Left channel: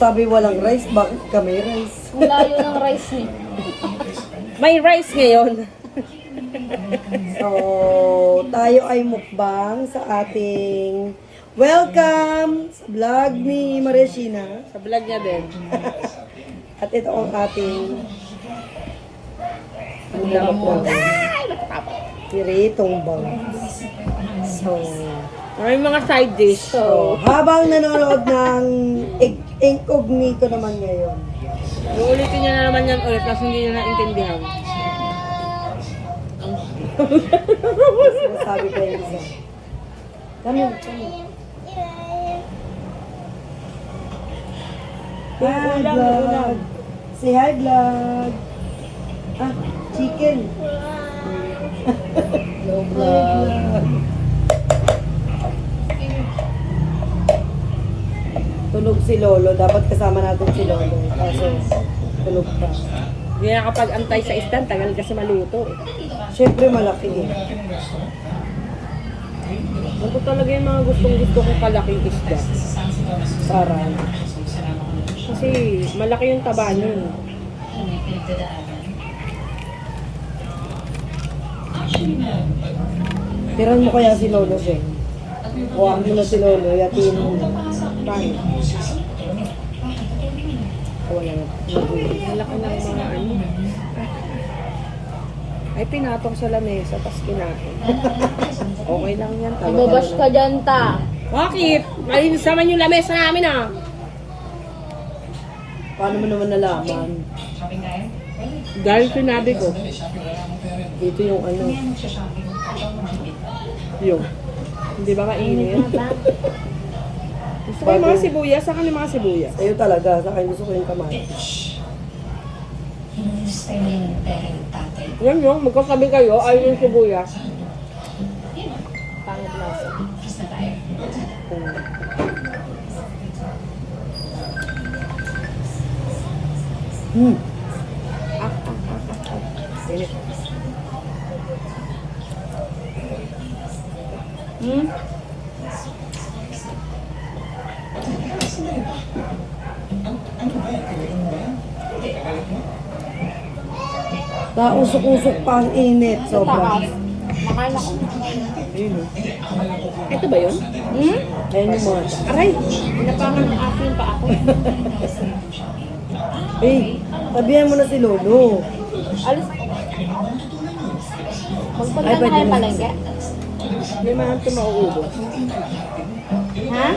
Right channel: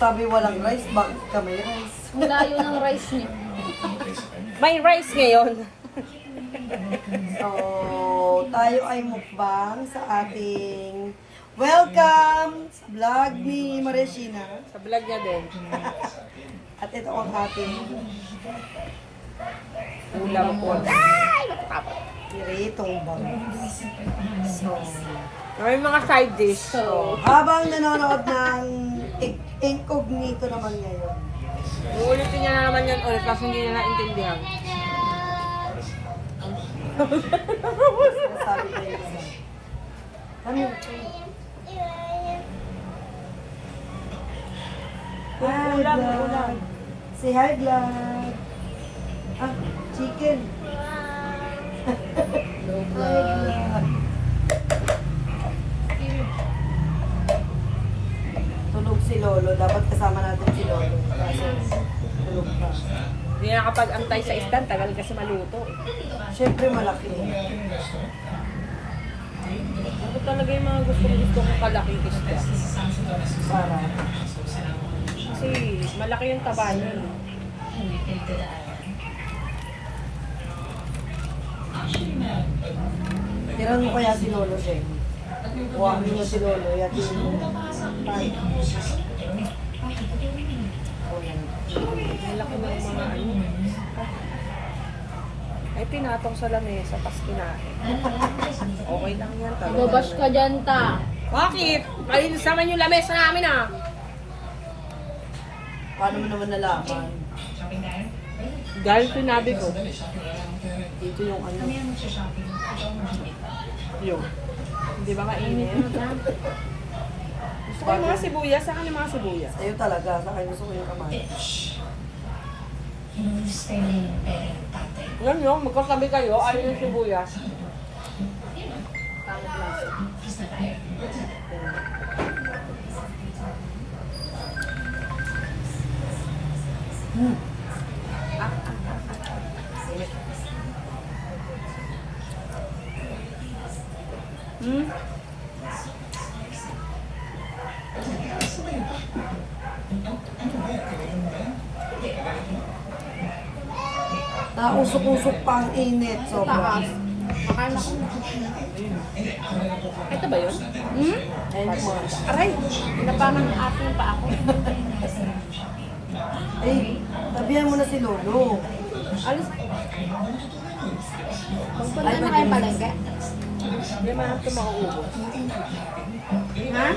Sabi walang rice, bakit ka may rice? Wala yun ang rice niya. May rice ngayon. So, tayo ay mukbang sa ating welcome sa vlog ni Maria Sheena. Sa vlog niya din. At ito ang ating Ulam po. piritong bang. So, May mga side dish. so, habang nanonood ng incognito naman ngayon. Uulitin niya na naman yan ulit kasi hindi niya naintindihan. Sabi ko yung isa. Kami. Hi, Ulam, ulam. vlog. Say hi, vlog. Ah, chicken. Hi, vlog. Tulog si Lolo. Dapat kasama natin si Lolo. Kaso, tulog pa. Hindi nakapag-antay sa stand, tagal kasi maluto. Siyempre malaki eh. Ito talaga yung mga gustong-gusto kong kalaking isda. Para. Kasi malaki yung taba nun. Tiran mo kaya si Lolo, Zen. Huwag mo na si Lolo. Yatiin mo na. Paano? Wala na. Malaki ng mga ano. Ay, pinatong sa lamesa, tapos kinain. Okay lang yan, talo ka Babash ka lang. dyan, ta. Bakit? Malinis naman yung lamesa namin ah. Paano mo naman nalaman? Dahil sinabi ko. Dito yung ano. Yung. Hindi ba mainit? Gusto ko yung mga sibuyas. Saan yung mga sibuyas? Sa'yo talaga. Sa akin gusto ko yung kamay. Yan yung, magkasabi kayo, ayun yung sibuyas. Hmm. Init. Hmm? Nausok-usok pa ang init. Sobra. Makain ako. Ito ba yun? Hmm? Ayun yung mga. Aray! Pinapangan ng ate yung pa ako. Eh, sabihan mo na si Lolo. Alis. Magpunta Ay, na pwede kayo na. palengke. Hindi man ito mauubos. Ha?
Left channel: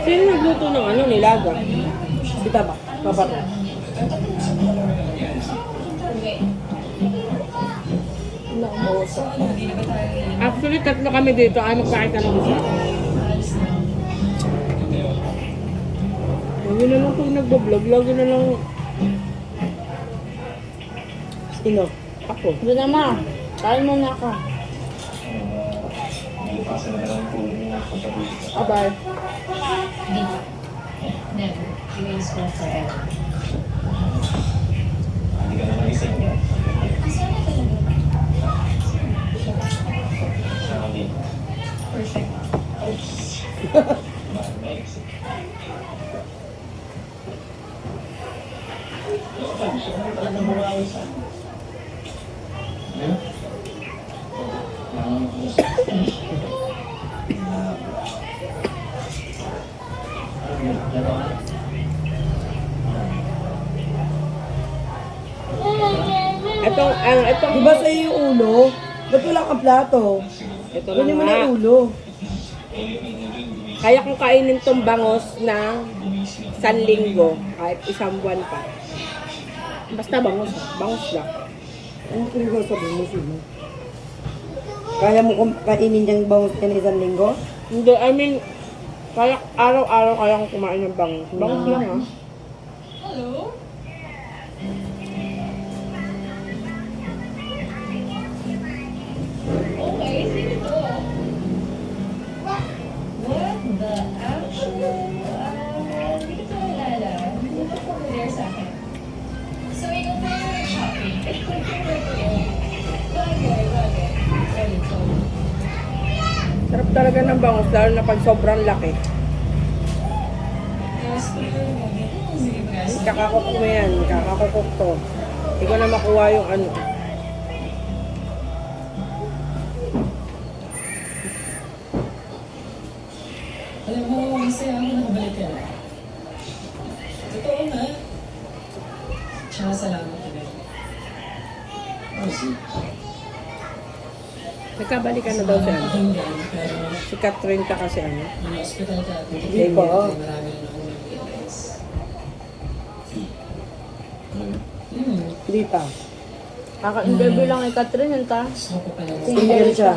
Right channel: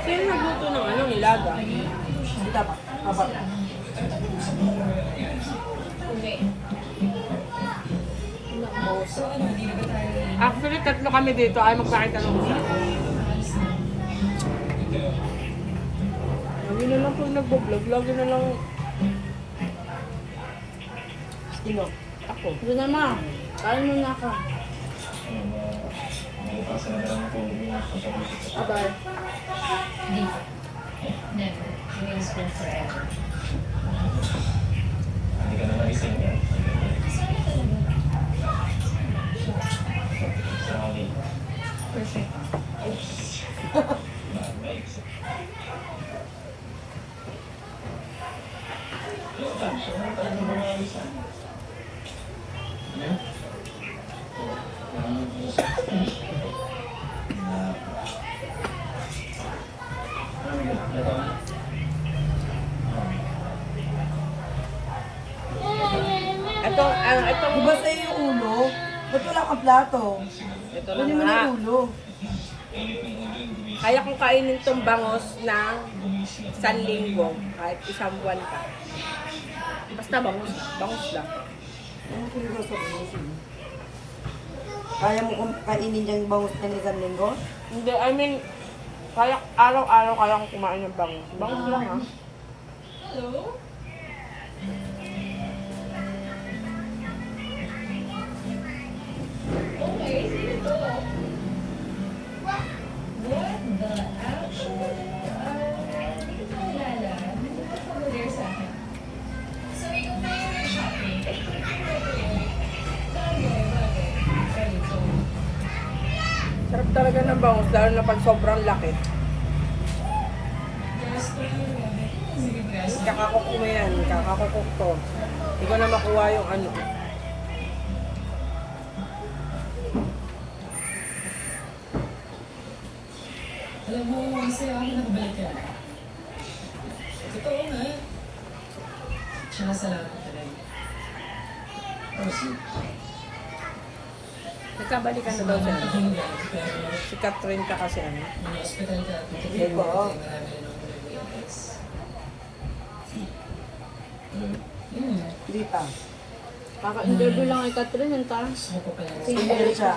Sino nagluto ng ano, nilaga? Kita ba? Papat. Actually, tatlo kami dito ay magkakita ng isa. Lagi na lang pag nagbablog, lagi na lang Sino? ako. Doon naman. Kain mo na ka. Bye. Never. Remains school forever. Perfect. Itong, Di ba sa'yo yung ulo? Ba't wala kang plato? ito na Kunin mo nga. na yung ulo. Kaya kong kainin tong bangos na isang linggo, kahit isang buwan pa. Basta bangos, bangos lang. Ano kung ikaw sabihin mo sino? Kaya mo kung kainin niyang bangus ka ng isang linggo? Hindi, I mean, kaya araw-araw kaya kong kumain ng bangos. Bangos lang ah. Hello? Okay, sino to? What the actual? Hindi ko kilala. Hindi ko familiar sa akin. So, ikaw pa yung nag-shopping. Bagay. Solid. talaga ng bangus, lalo na pag sobrang laki. Kakakok mo yan, kakakokok to. Hindi ko na makuha yung ano. Alam mo, masaya ako nakabalik ka na. Totoo na. Tsaka salamat ka rin. Nagkabalikan na daw siya. ano. Pakinggan, pero Si Catherine ka kasi ano. nung hospital ka at Hindi pa. marami rin ako nag-realize. Hindi pa. Kaka-interview lang kay Catherine, yun ta. Gusto ko pa lang. Single siya.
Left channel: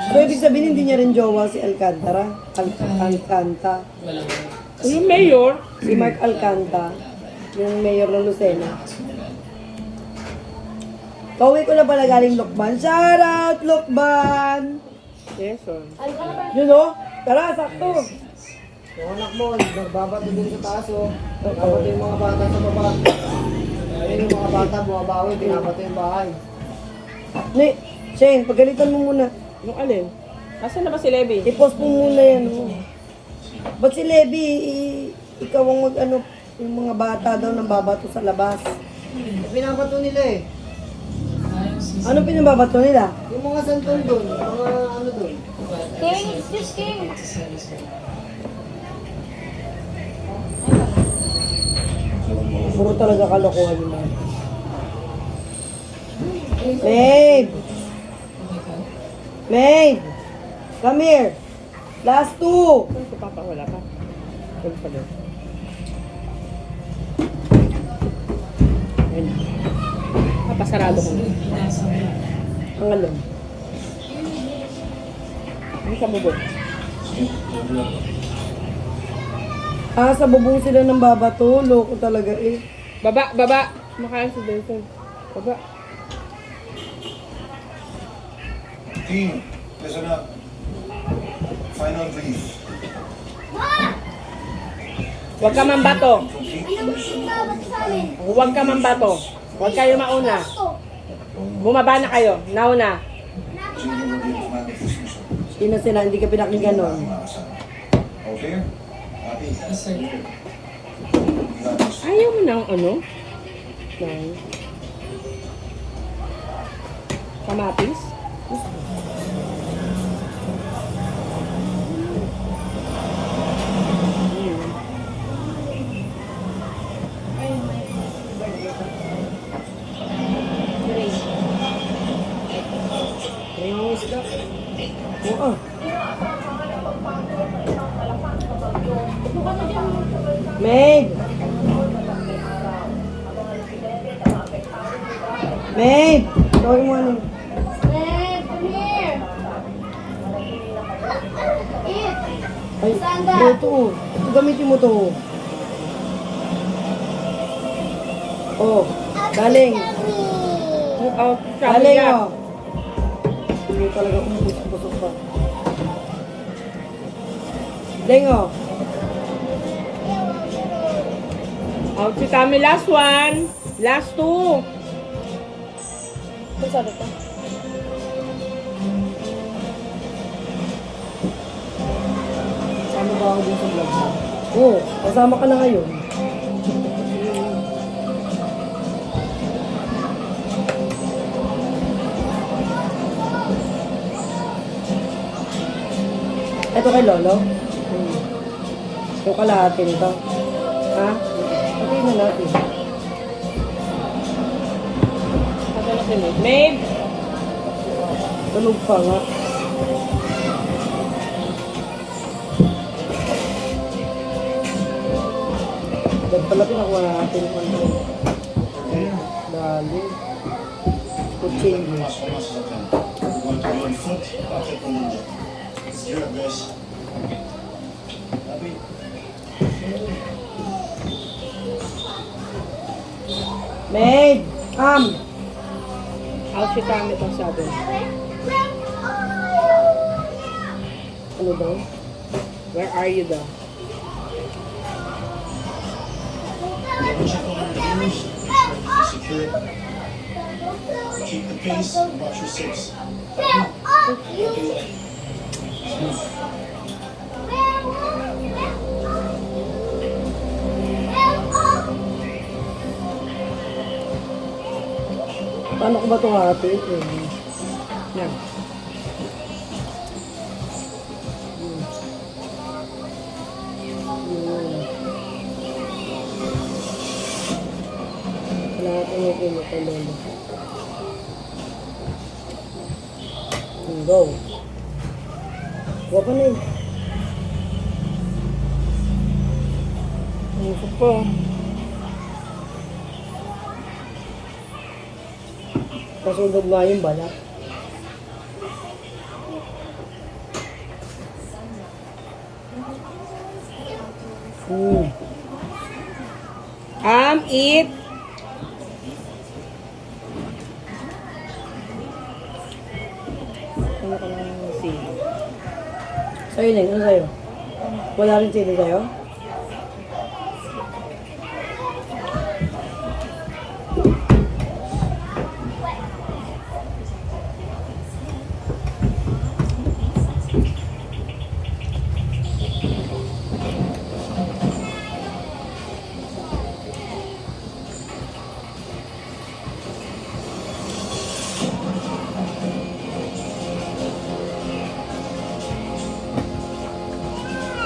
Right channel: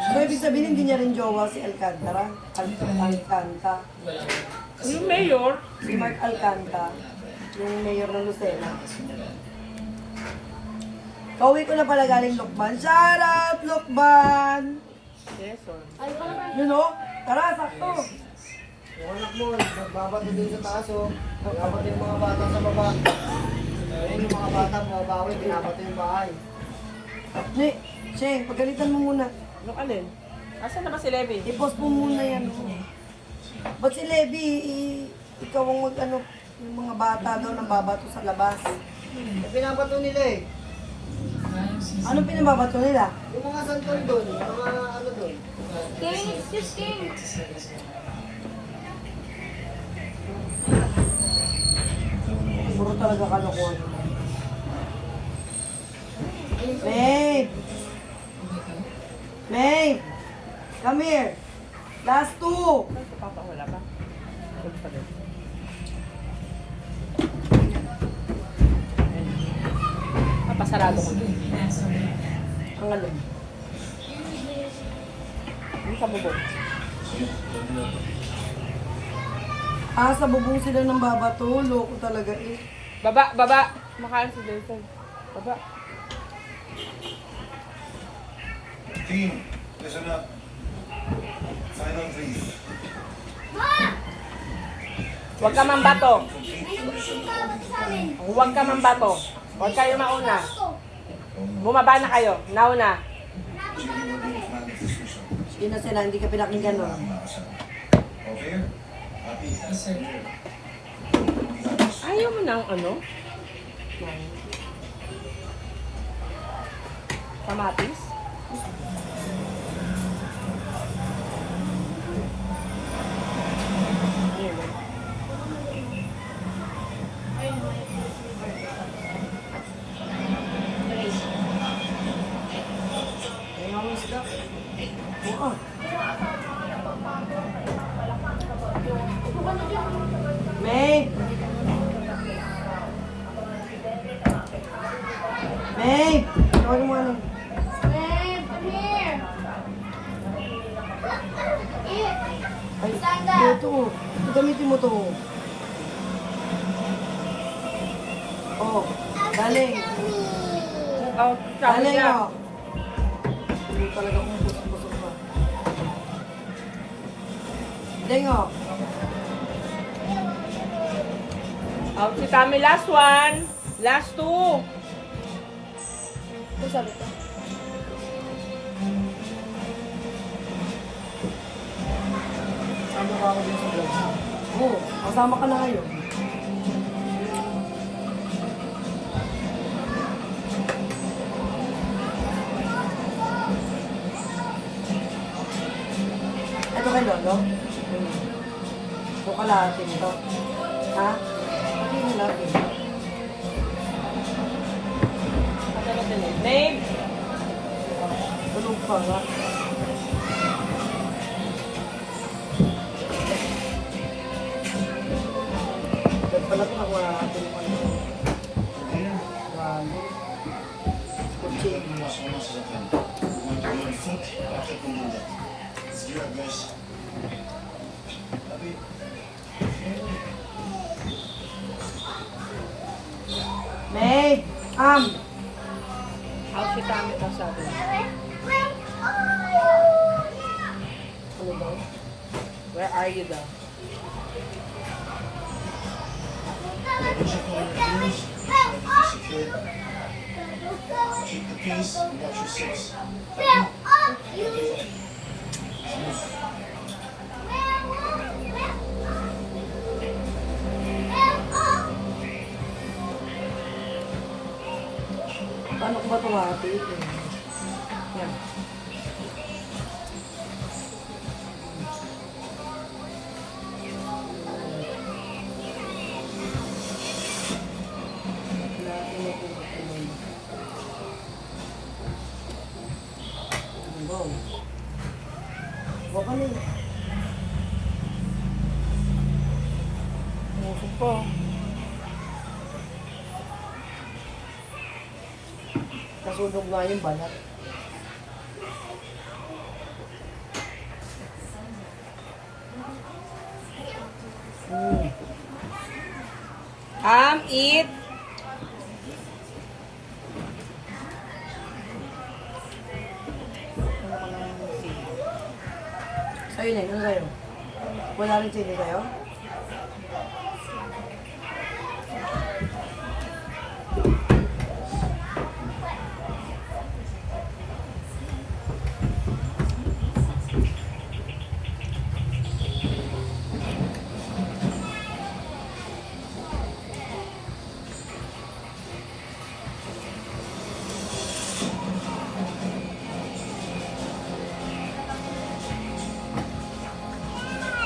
So, ibig sabihin, hindi niya rin jowa si Alcantara. Alcanta. Walang Yung mayor, Si Mark Alcanta. Yung mayor ng Lucena. Kauwi ko na pala galing Lokban. Shout out, Lokban! Quezon. Yun o. Tara, sakto. Yung anak mo, nagbabato din sa taas o. Nagbabato yung mga bata sa baba. Ayun yung mga bata, mga bawi, binabato yung bahay. Ne, Shane, pagalitan mo muna. Yung alin? Asan na ba si Levi? I-post mo muna yan o. Ba't si Levi, ikaw ang mag-ano, yung mga bata daw nang babato sa labas. Binabato nila eh. Anong pinababato nila? Yung mga santol doon, mga ano doon. King, excuse King. Puro talaga kalokohan yung mga. Maid! Maid! Come here! Last two! Saan si Papa? Wala pa. Wala pa din. Ayun. Papasarado ko na. Ang alam. Yung sa bubog. Ah, sa bubong sila ng babato. Loko talaga eh. Baba, baba! Makain si Jason. Baba. Team, listen up. Final brief. Huwag ka mambato. Huwag ka mambato. Huwag kayo mauna. Bumaba na kayo. Nauna. Sige, will be the final decision. Sino sila? Hindi ka pinakinggan nun. Okay? Happy? Yes, sir. Ayaw mo ng ano? Ng kamatis? Ayun. Kaya ang isda. Oo. Maid! Maid! Tawagin mo ano. Babe, come here. Eat. Ay, Stand up. ito. Ito gamitin mo to. Oh, galing. Oh, sabi Galing niya. oh. Hindi talaga umbus-busok pa. Galing oh. Out si Tami, last one. Last two. Ito sabi ko. Sama ba ako din sa vlog mo? Oo, kasama ka na ngayon. Ito kay Lolo? Ito kalahati nito. Ha? Patayin na natin. Kasi na si Maeve. Maeve! Tulog pa nga. Dahil pala pinakuha na natin yung ano. Dali. Kuchilyo. Mas almost as I can. We want to be on foot, perfect in the Let's do it, guys. Happy? Maid! Out si Tami daw sabi. Ano daw? Where are you daw? Double check all your doors. Secure. Keep the pace and watch your six. Okay. Ano ko ba itong ate? Yan. Wala natin yung pinaka lolo. Go. Huwag ka na eh. Musok po. Nasunog nga yung balat. Eat. Ano ka lang? See. Sa'yo na yun. Ano sa'yo? Wala rin chili sa'yo?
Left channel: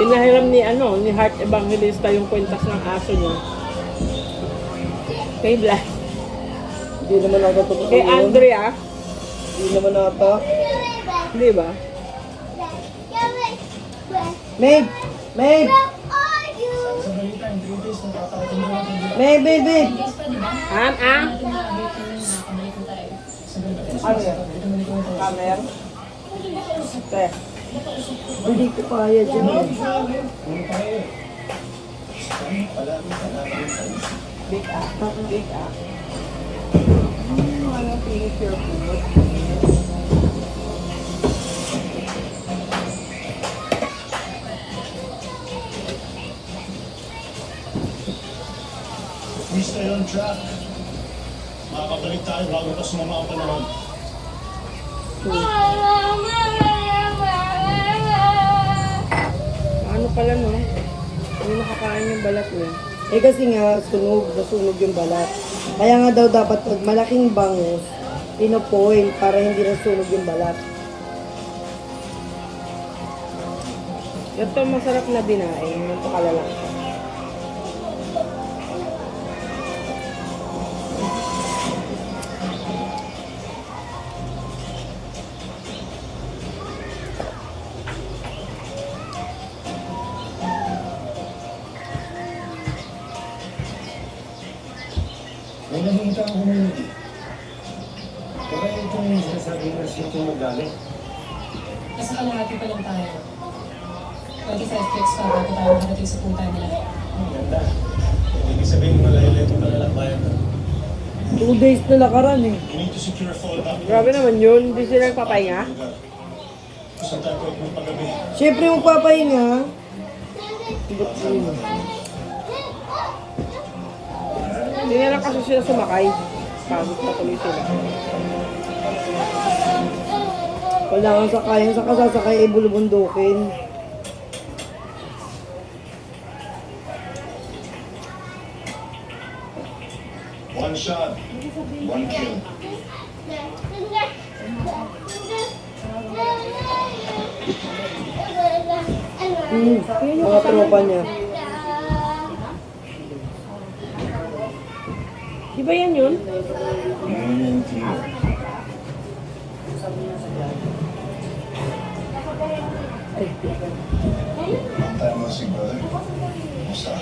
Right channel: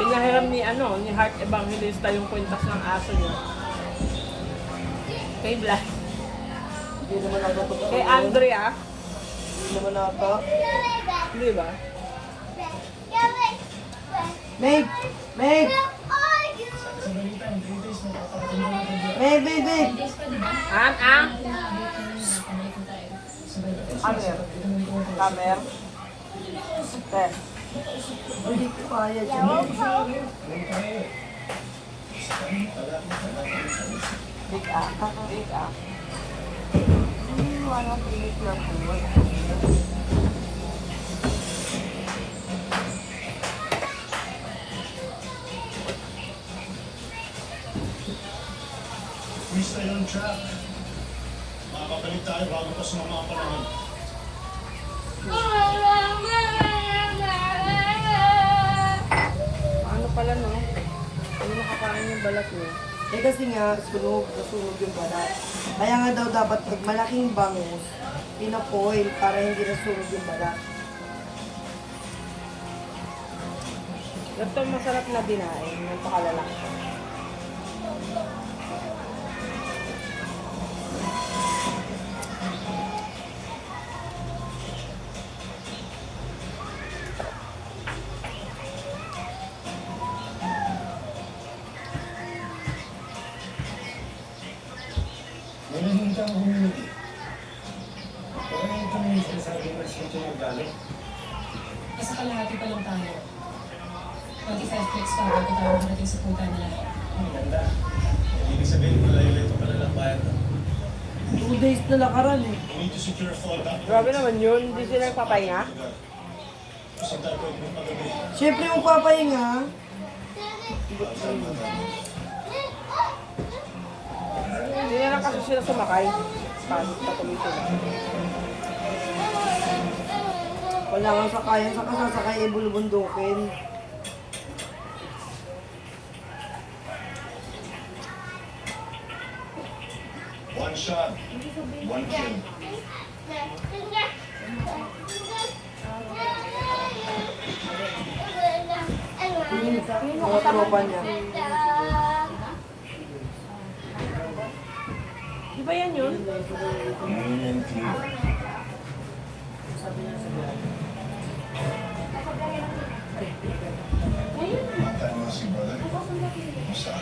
Pinahiram ni Heart Evangelista yung kwentas ng aso niya. Kay Blas. Hindi naman ata totoo Kay yun. Andrea. Hindi naman ata. Di ba? Maid! Maid! Maid, maid, maid! Ano yan? Camera? Te. Hindi ko kaya dyan. Big up. Big up. Anong finish your food? We stay on track. Makakabalik tayo bago pa sumama ang panahon. Ano pala no? Hindi nakakain yung balat niya. Eh kasi nga, nasunog yung balat. Kaya nga daw dapat pag malaking bangus, inopoil para hindi nasunog yung balat. Ito masarap na dinaing. Ganito kalalaki. May nakikita ang community. Baka itong sinasabi na siya itong magalit. Nasa kalahati pa lang tayo. 25 clicks pa bago tayo makarating sa punta nila. Ang ganda. Ibig sabihin, malayo-layo pa pala ng bayan. 2 days na nakaraan eh. We need to secure a fallback. Grabe naman yun. Hindi sila nagpapahinga. Saan tayo pwede mong pagabi? Siyempre mo papahinga. Ba't yun? Hindi na lang kasi sila sumakay. Pagod pa tuloy sila. Wala kang sakayan sa kasasakay ay bulubundukin. One shot, one kill. Mga tropa niya. Di ba yan yun? Ngayon yung team. Ay, Ang time mo si brother. Kumusta?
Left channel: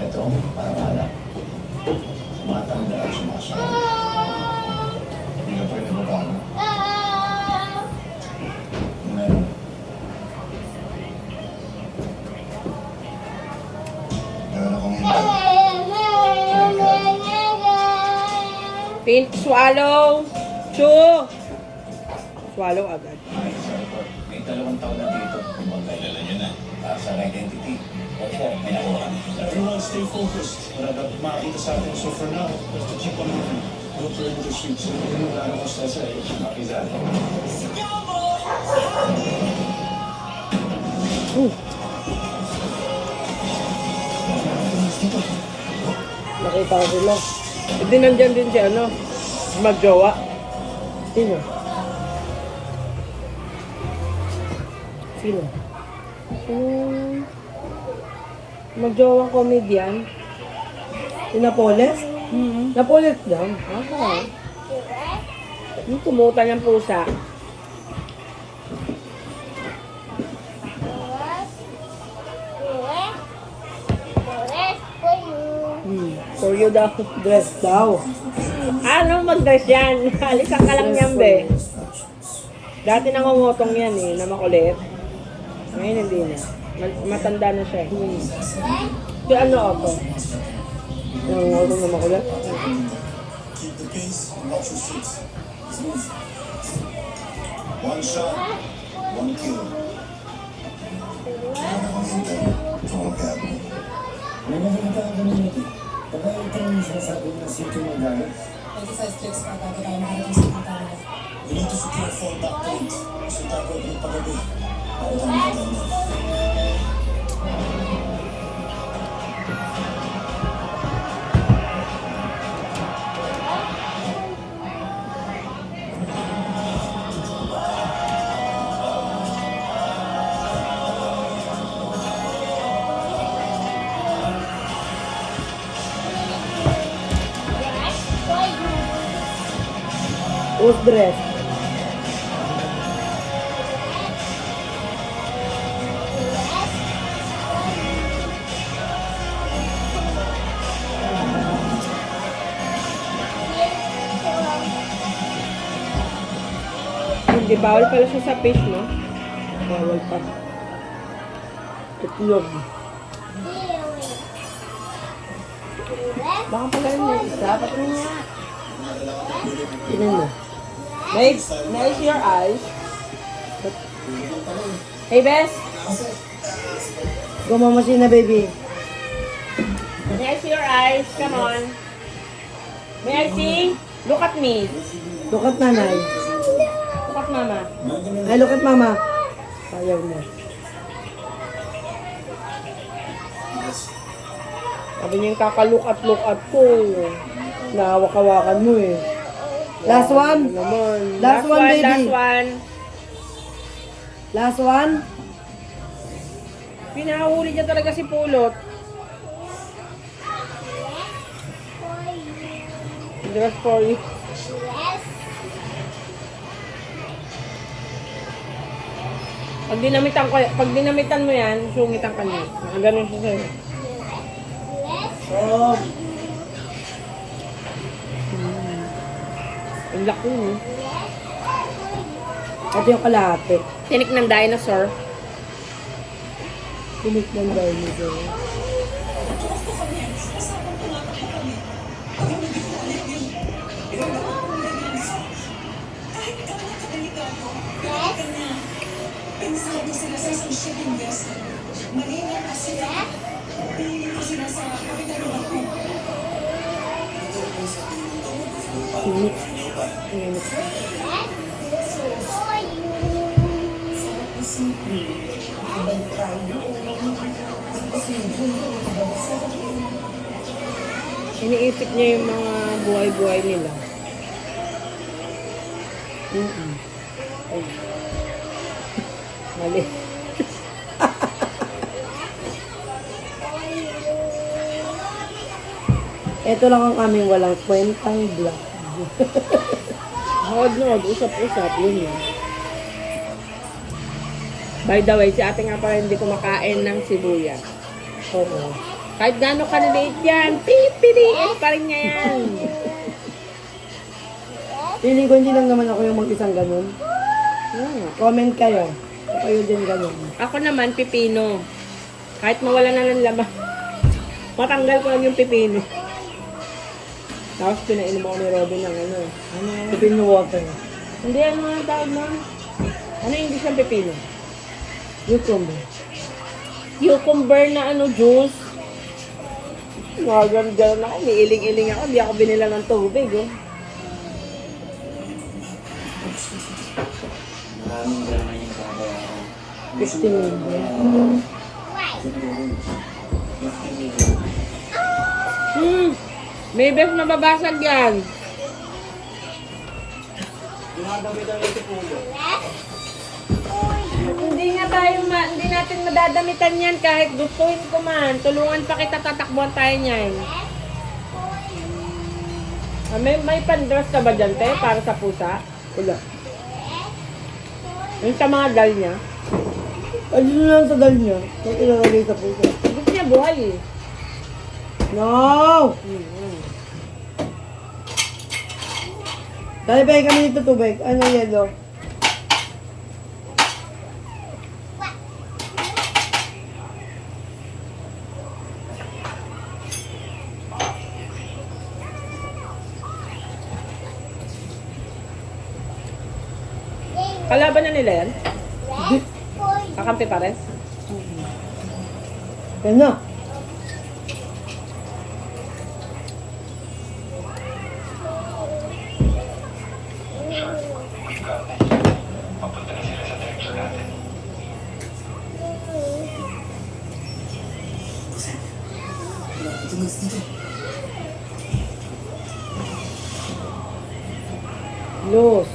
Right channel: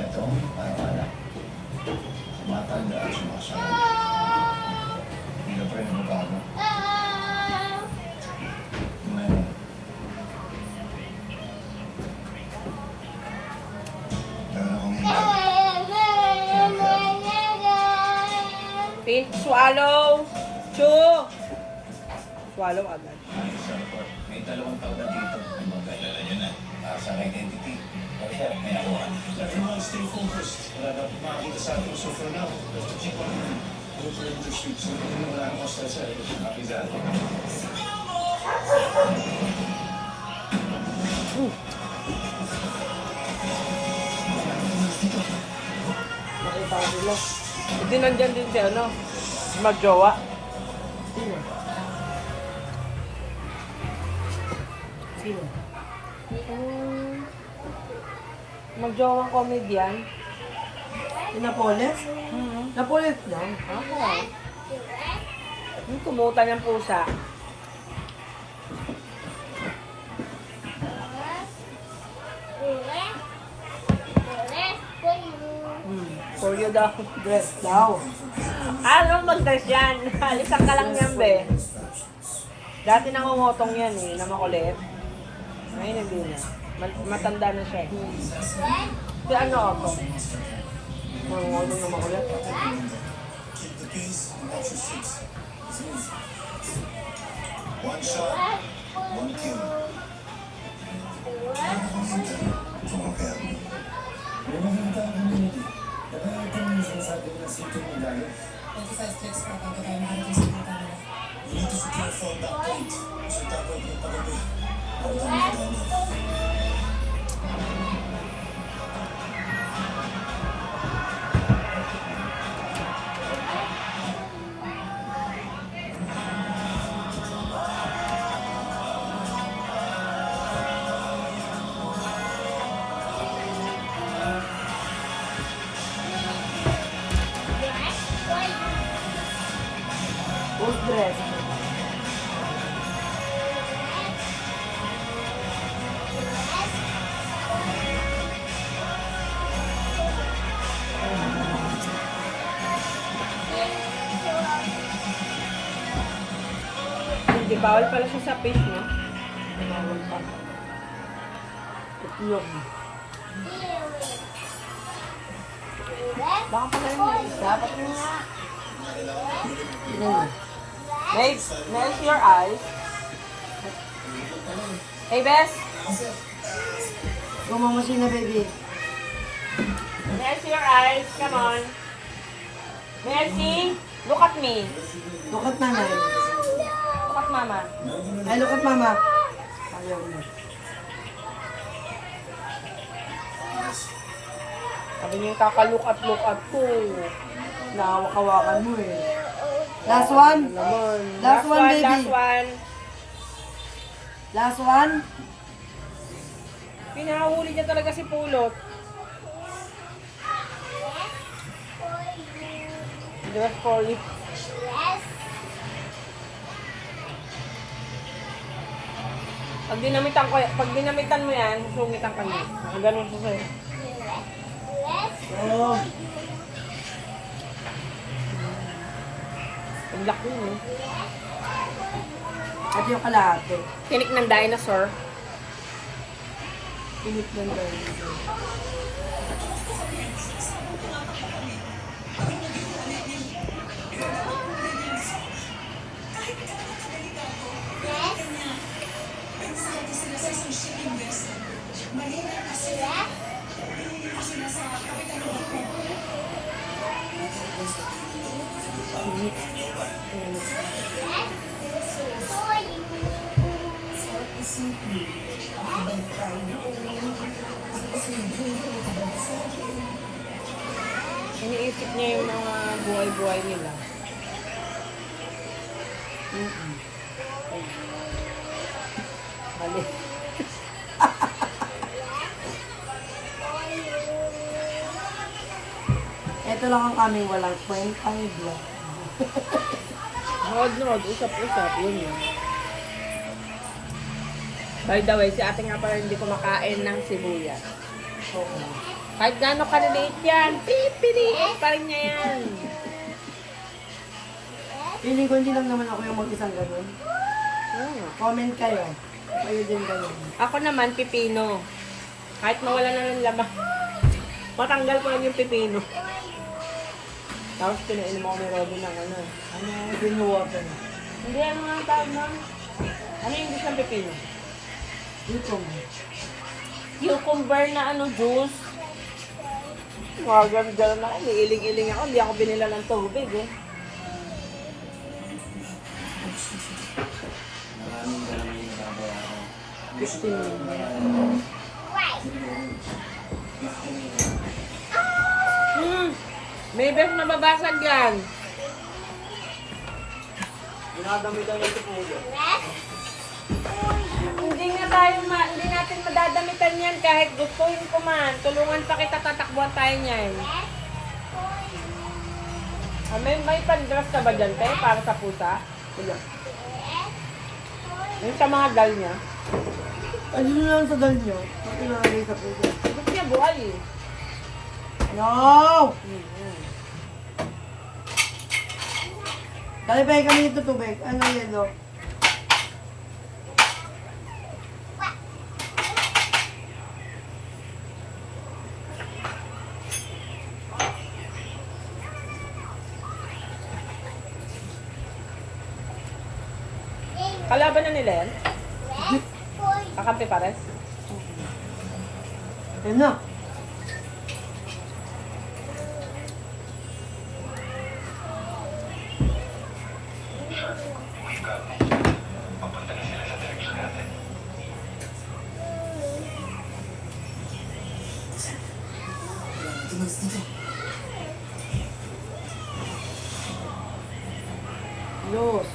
Ito, parang anak. Matanda at sumasabi. Hindi ka pa rin nababago. Meron. Meron akong hindi. Pink swallow. Chew. Swallow agad. May 2 taon na dito. Ibang kailan niyo na. Sa identity. May nakuha. Everyone stay focused. Wala dapat makakita sa atin. So for now, let's to check on him. Look for the streets. So kung yung gano'n kasta sa iyo, copy that. nakita ko sila. Hindi nandyan din si ano. Magjowa. Sino? Sino? Magjowang comedian. Si Napoles? Napoles lang. Ako. Tumutan yung pusa. For you daw. Dress daw. Ano mag-dress yan? Alisan ka lang yan, be. Dati nangungutong yan eh, na makulit. Ngayon hindi na. Matanda na siya eh. Kaya ano ako? Nangungulong na makulit. Keep the peace and watch your six. One shot, one kill. Total cap. May nakikita ka community. Baka ito yung sinasabi ng sityo ng galit. 25 clicks para bago tayo makarating sa pintana. We need to secure the phone back point. So tapo yung pagabi. Para tayo makaganda. Who's dress? Hindi, bawal pala siya sa fish, no? Bawal pa. Itlog. Baka pala yun yung isa. Patrin nga. Tingnan mo. Babe, may I see your eyes? Hey, Bess. Gumamasin na, baby. May I see your eyes? Come on. May I see? Look at me. Look at nanay. Look at mama. Ay, look at mama. Ayaw mo. Sabi niya yung kakalook at ko. Nahawak-hawakan mo eh. Last one? Ano naman? Last one, baby. Last one. Last one? Pinahuli niya talaga si Pulot. Dress for you. Pag dinamitan mo yan, sungitan ka niya. Nakaganon siya sa'yo. Oh. Ang laki mo. Ito yung kalahati. Tinik ng dinosaur. Pinik ng dinosaur. Pinik. Pinik. Iniisip niya yung mga buhay-buhay nila. Ay. Mali. Ito lang ang aming walang kwentang vlog. Nood, usap-usap, yun yun. By the way, si ate nga pala hindi kumakain ng sibuyas. Oo. Kahit gano'ng kaliliit yan, pipiliit pa rin niya yan. Feeling ko hindi lang naman ako yung mag-isang ganun. Comment kayo. Kayo din ganun. Ako naman, pipino. Kahit mawala na ng laman, matanggal ko lang yung pipino. Tapos pinainom ako ni Robin ng ano. Pipino water. Hindi, ano nga tawag nun? Ano yung English ng pipino? Cucumber. Cucumber na ano, juice. Mga ganun ako, may iling-iling ako. Hindi ako binila ng tubig, oh. Maraming ganun yung kakayaran. 15 million. May best mababasag yan. Pinadamitan niya si Pugo. Hindi natin madadamitan yan kahit gustuhin ko man. Tulungan pa kita, tatakbuhan tayo niyan. May pandress ka ba dyan, te? Para sa pusa? Wala. Yung sa mga dal niya. Ay, yun lang sa dal niya. Ba't ilalagay sa puso? Gusto niya buhay eh. No! Dali ba kami dito tubig? Ano yellow? Kalaban na nila yan? Hindi. Kakampi pares? Yan na. Los.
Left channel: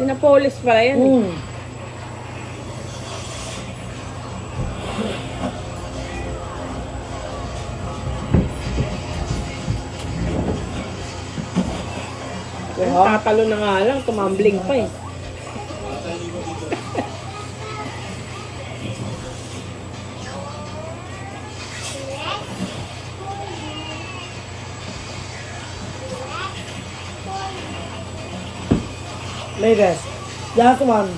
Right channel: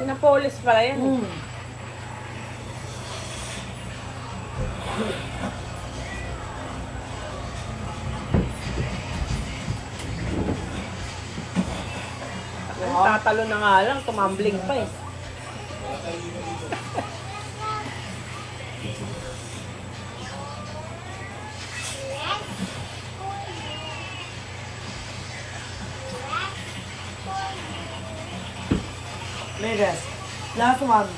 Sinapolis pala yan eh. Tatalo na nga lang, tumambling pa eh. Ladies. Just one.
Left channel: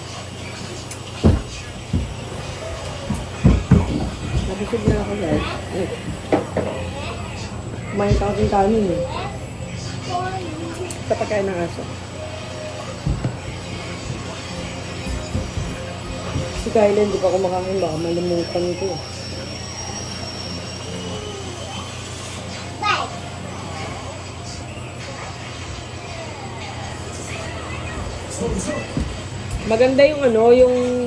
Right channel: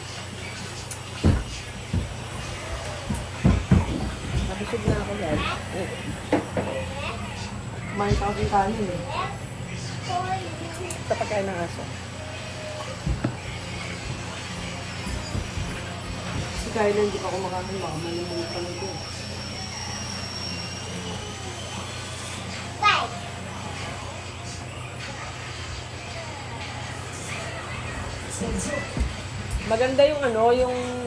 Nabusog na ako guys. Kumain ka kasing kanin eh. Sa pagkain ng aso. Si Kyla hindi pa kumakain. Baka malimutan nito eh. Maganda yung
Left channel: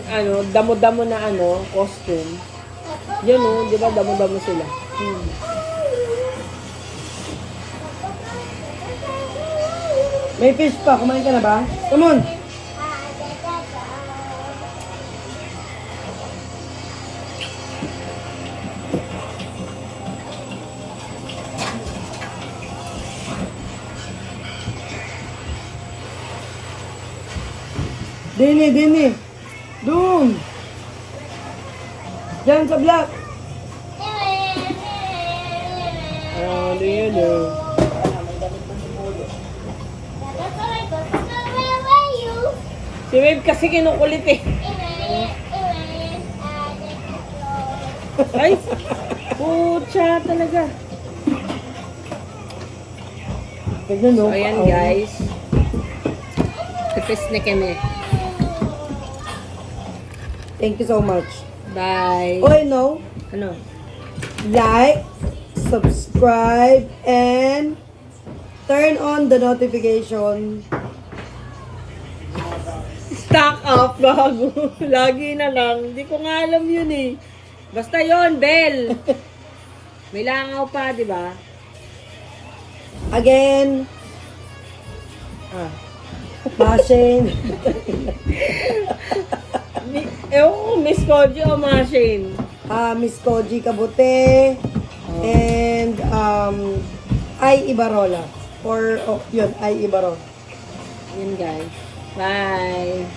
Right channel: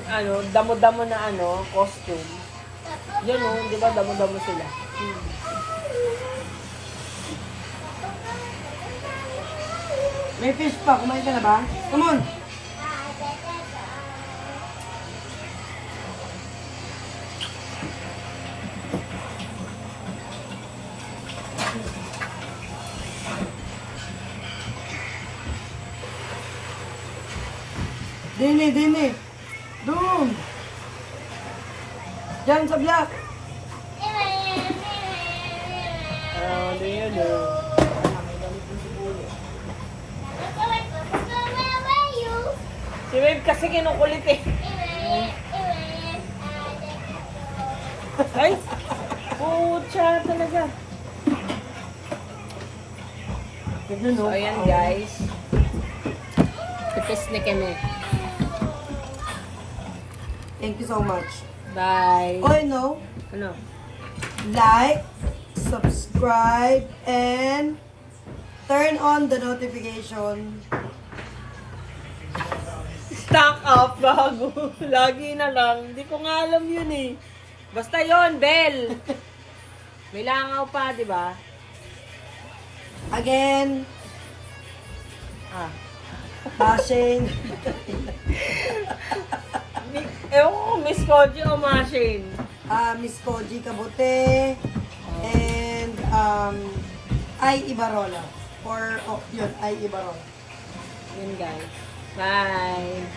damo-damo na costume. Yan oh, di ba damo-damo sila? May fish pa. Kumain ka na ba? Come on. Dini. Doon. Diyan sa block. Ano yun oh. Si Wave kasi kinukulit eh. Ay! Pucha talaga. Tignan no. So ayan guys. Tapos na kami. Thank you so much. Bye. Oh, no. Ano? Like, subscribe, and turn on the notification. Stock up, bago. Lagi na lang. Hindi ko nga alam yun eh. Basta yon bell. May langaw pa, di ba? Again, Ah. bashing. Ewan ko, Miss Koji o Machine. Miss Koji Kabute, and Ay Ibarola. Or, yun, Ay Ibarola. Yun guys. Bye.